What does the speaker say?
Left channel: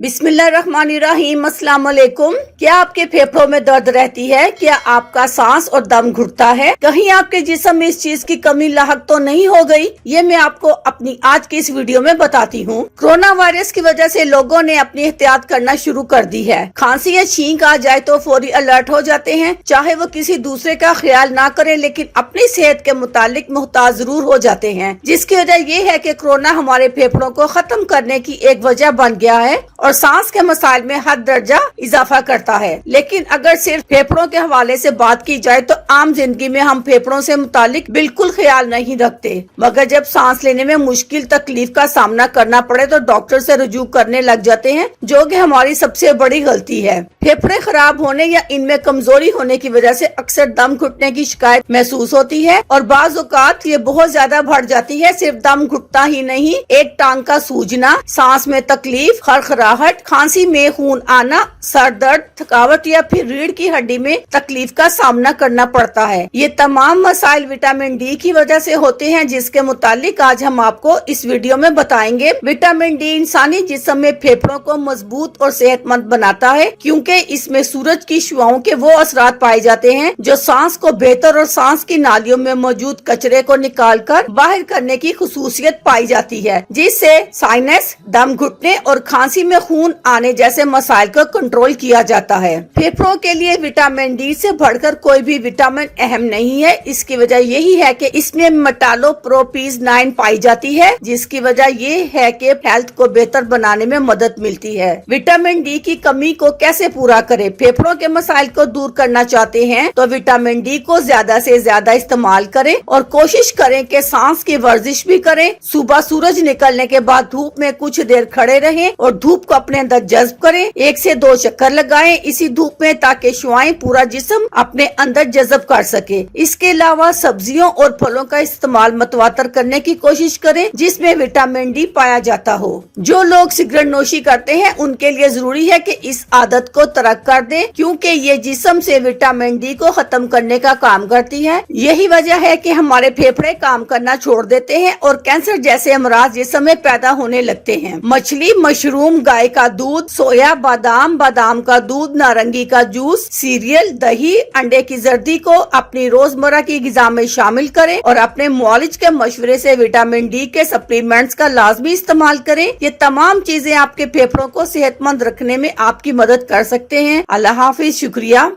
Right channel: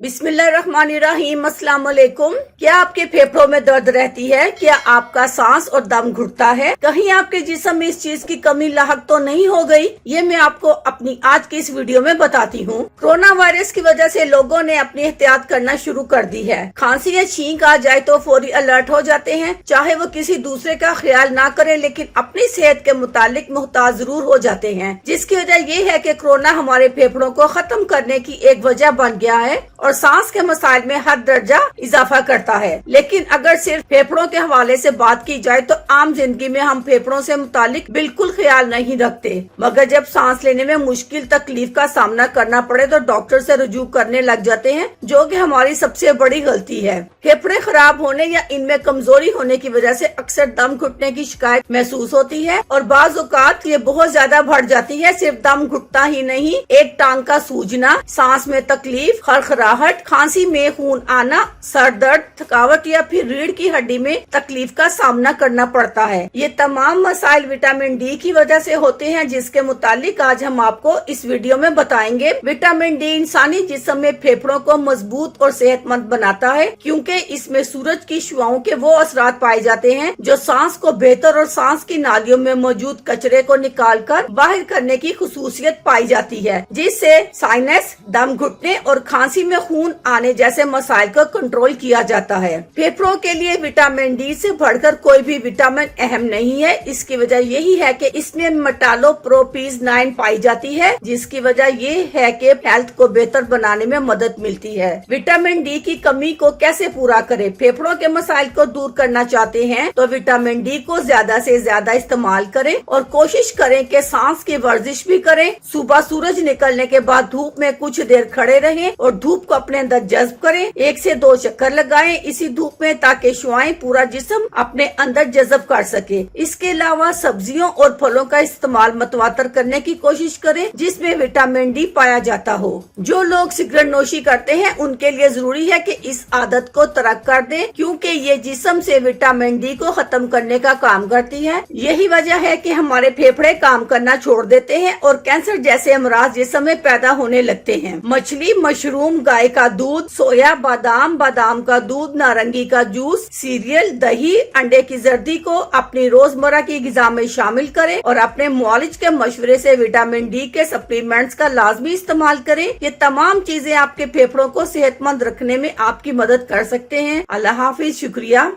बिस्मिल्लाहिर्रहमानिर्रहीम। अस्सलाम वालेकुम। क्या आपके फेफड़ों में दर्द रहती है? क्या आपका सांस और दम घुटता है? कहीं आपके जिस्म में इस चीज की कमी लाहक तो नहीं हो गई? ये मैं आपको अपनी आज की इस वीडियो में बताती हूँ। कोरोना वायरस की वजह से लोगों ने अपनी एहतियात करना शुरू कर दी है। खांसी या छींक आ जाए तो फौरी अलर्ट हो जाते हैं, चाहे वो किसी दूसरे का ख्याल ना करें, लेकिन अपनी सेहत के मुतालिक मुहताज जरूर हो जाते हैं। जिसकी वजह ये है कि कोरोना हमारे फेफड़ों को खत्म करने की एक वजह बन गया है और सांस के मसाइल में हद दर्जा इजाफा करता है। लेकिन अगर सिर्फ फेफड़ों के हवाले से बात की जाए तो आम जिंदगी में हम फेफड़ों से मुतालिक बिल्कुल ख्याल नहीं रखते, मगर जब सांस लेने में मुश्किल तकलीफ का सामना करना पड़े तो डॉक्टर से रुजू करने लग जाते हैं, जो कि हमारी सबसे बड़ी गलती है। फेफड़े खराब होने या इनमें कमजोरी होने की वजह से अक्सर दम घुटने की शिकायत महसूस होती है और बाज़ औक़ात ये बहुत ज्यादा बढ़ जाती है। सिर्फ दम घुटता ही नहीं, एक टांग का सूजना, सांस में तकलीफ, खरखराहट, खांसी में खून आना, सर दर्द, थकावट या फिर रीढ़ की हड्डी में तकलीफ का सामना करना पड़ता है। ये तमाम मसाइल विटामिन डी की वजह से होते हैं, जिसके मुतालिक आज हम आपको इस वीडियो में बताएंगे। विटामिन डी इंसानी जिस्म में फेफड़ों को मजबूत और सेहतमंद बनाता है, क्योंकि इसमें सूरज की शुआओं के वो असरात पाए जाते हैं जो सांस को बेहतर और सांस की नालियों में मौजूद कचरे को निकालकर बाहर करने की खुसूसियत पाई जाती है, जिससे साइनस, दम घुटने और खांसी में खून आने जैसे मसाइल को कंट्रोल किया जाता है। फेफड़ों के लिए विटामिन डी से बढ़कर कोई भी विटामिन अहम नहीं है। इसकी वजह यही है कि इसमें मेटालोप्रोपीज 9 पाई जाती है, जिसकी वजह ये है कि हेल्थ को बेहतर बनाने में मदद मिलती है। विटामिन डी की कमी को कैसे पूरा करें? फेफड़ों के मसाइल को दूर करना चाहते हैं तो विटामिन डी को ज्यादा से ज्यादा इस्तेमाल करें और कोशिश करें कि सांस की वर्जिश भी करें। सुबह सूरज निकलने के बाद धूप में कुछ देर खड़े रहें और धूप को अपने अंदर जज्ब करें। 1 से 2 चक्कर लगाएं इसी धूप में, ताकि शुआएं पूरा जिस्म अपने अंदर जज्ब कर सके। इसके अलावा सब्जियों और फलों का इस्तेमाल मतवातर करने की कोशिश करें, जिसमें विटामिन डी पाया जाता हो। जो लोग सिगरेट नोशी करते हैं उनके लिए जरूरी है कि इस आदत को तर्क कर दें, क्योंकि ये जिस्म से विटामिन डी को खत्म करने का काम करती है। यही वजह है कि हमारे फेफड़े काम करना छोड़ देते हैं और कैंसर जैसे अमराज जिस्म में पैदा होने लगते हैं। मछली, मशरूम, गाय का दूध, सोया, बादाम, बादाम का दूध, नारंगी का जूस, सीरियल, दही, अंडे की जर्दी को अपनी रोजमर्रा की ग़िज़ा में शामिल करें और अपने मुआलिज के मशवरे से विटामिन डी के सप्लीमेंट्स का लाजमी इस्तेमाल करें। ये तमाम चीजें आपके फेफड़ों को सेहतमंद रखने में आपकी मदद कर सकते हैं। अल्लाह हाफिज, शुक्रिया।